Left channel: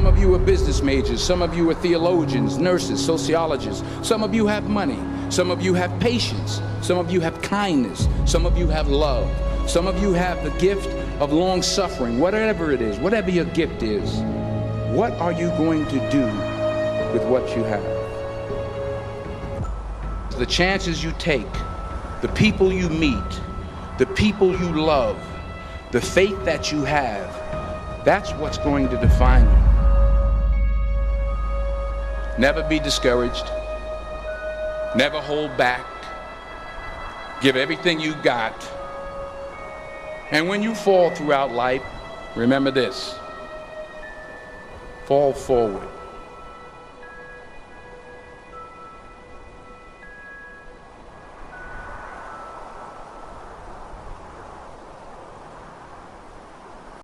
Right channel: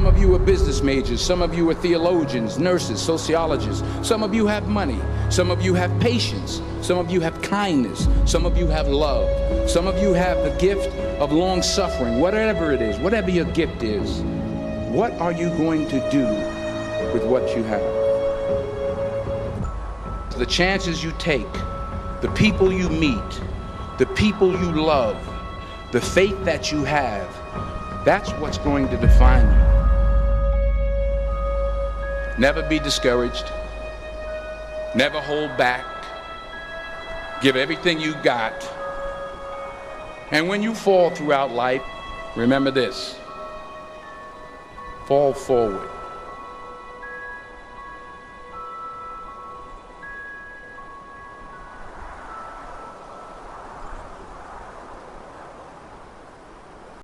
Some of you are business majors, some of you are theologians, nurses, sociologists. Some of you have money, some of you have patience, some of you have kindness, some of you have love, some of you have the gift of long suffering. Whatever it is, whatever your gift is, what are you going to do with what you have? The chances you take, the people you meet, the people you love, the faith that you have, that's what's going to define you. Never be discouraged. Never hold back. Give everything you got. And when you fall throughout life, remember this: fall forward.